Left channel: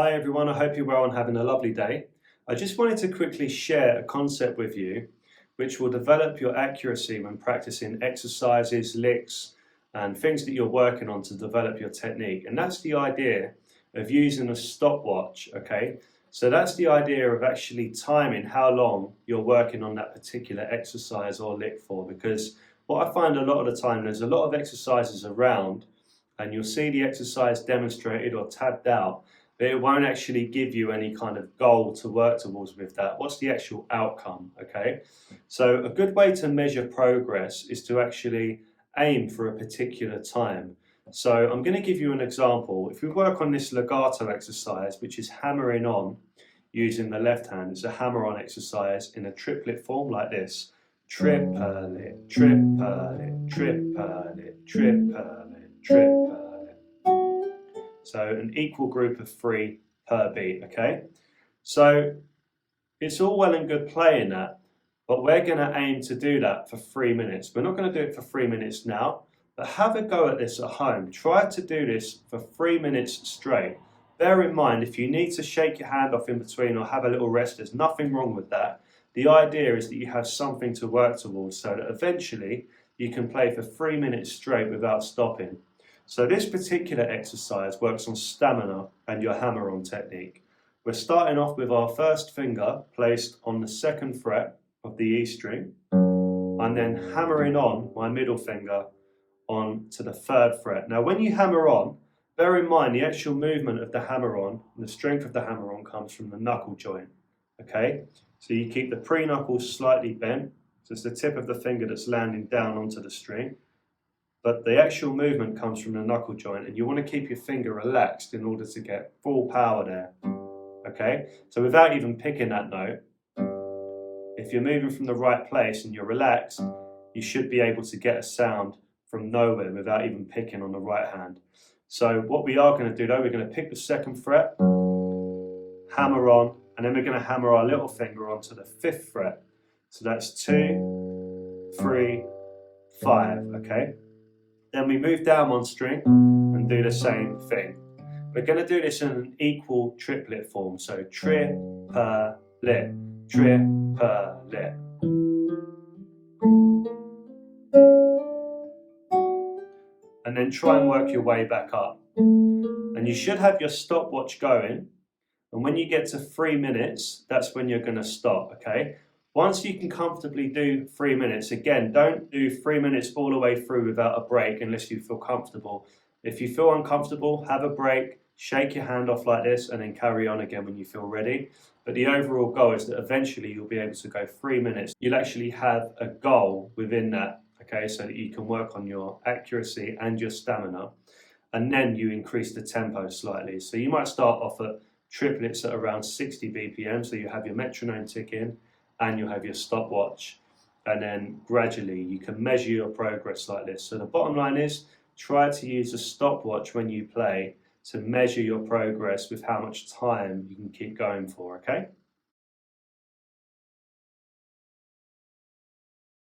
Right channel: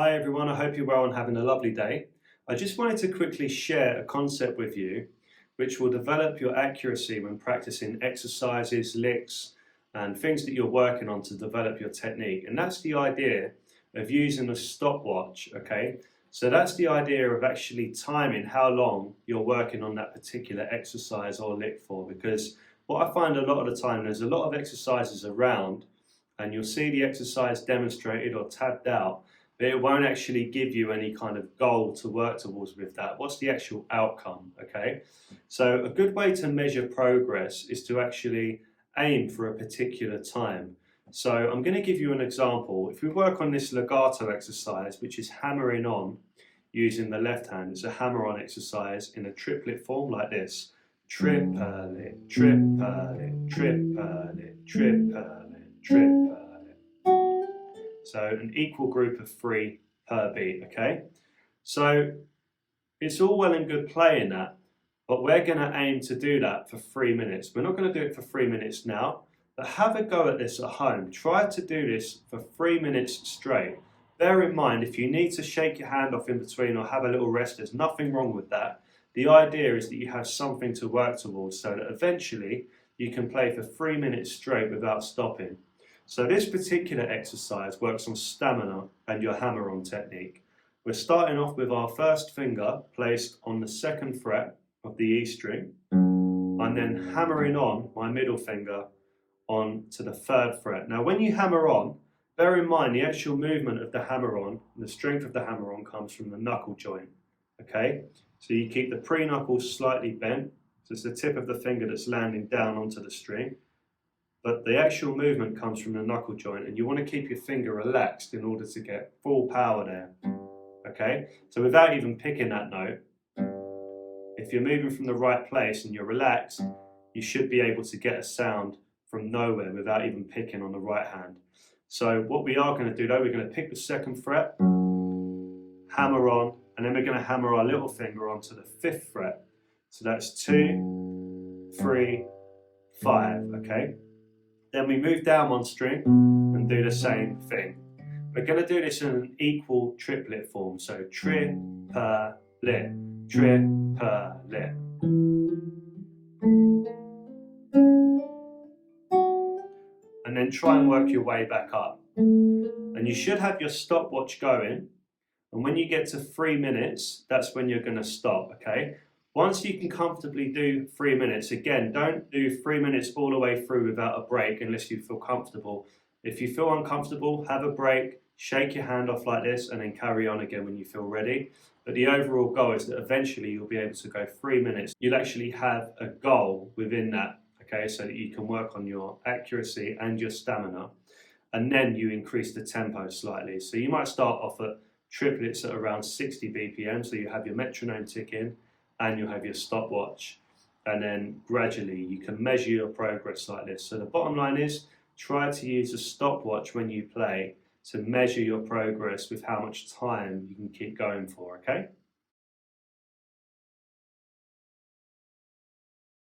Hi everyone, I hope you're well and having a lovely day. I just wanted to quickly share a concept with you which will develop your accuracy when practicing exercises, licks and things that you're working on to develop your technique. And that's the idea of using a stopwatch, okay? So that's the idea of actually timing how long you're working on that particular exercise or lick for, because what I find a lot of the time, there's a lot of exercises around and you'll see the exercise demonstrated or tabbed out, but it won't actually give you any kind of goal to work towards with that. What's the actual outcome, okay? So a good way to measure progress is to actually aim for a particular time. So I'm going to give you an example. If we work on this legato exercise, which is hammering on using the left hand, it's a hammer-on exercise in a triplet form like this. Triplet, triplet, triplet, triplet, triplet. So an equal group of 3 per beat, okay? So it's all well and good playing that, but we're gonna aim to do that for 3 minutes. We're not gonna do it for 3 minutes now, but have a go at this at home. Try to do this for 3 minutes straight. Bear in mind, if you need to shake your hand off in between or have a little rest, there's nothing wrong with that. The idea is that you have something to work towards so that eventually you can play for 3 minutes straight without stopping. So this particular exercise works on stamina and your hammer-on technique. We're starting off with our first finger placed on the 2nd fret of the E string. I'm then hammering on my middle finger on to the 3rd fret. Now when you hammer on, bear in mind the actual movement of the hammer-on, the strength of the hammer-on comes from the knuckle joint, okay? So you keep the pre-knuckles slightly bent, so it's the tip of the finger that's landing down onto the string. But the actual movement comes from the knuckle joint, and you want to keep your finger relaxed in order to get full power there, okay? So without even picking that note, if you're moving from the right place and you're relaxed, you should be able to get a sound from nowhere without even picking on the right hand. So what we are going to do though, we're going to pick the 2nd fret, hammer on, and then we're going to hammer our little finger onto the 5th fret. So that's 2, 3, 5, okay? Then we move down 1 string and do the same thing. We're going to do this in an equal triplet form. So triplet, triplet. And then try and work your way back up. And you should have your stopwatch going. And when you get to 3 minutes, that's when you're going to stop, okay? Once you can comfortably do 3 minutes, again, don't do 3 minutes all the way through without a break unless you feel comfortable. If you feel uncomfortable, have a break, shake your hand off like this, and then carry on again when you feel ready. But the overall goal is that eventually you'll be able to go 3 minutes. You'll actually have a goal within that, okay, so that you can work on your accuracy and your stamina. And then you increase the tempo slightly. So you might start off at triplets at around 60 BPM, so you have your metronome ticking, and you'll have your stopwatch, and then gradually you can measure your progress like this. So the bottom line is, try to use a stopwatch when you play to measure your progress with how much time you can keep going for, okay?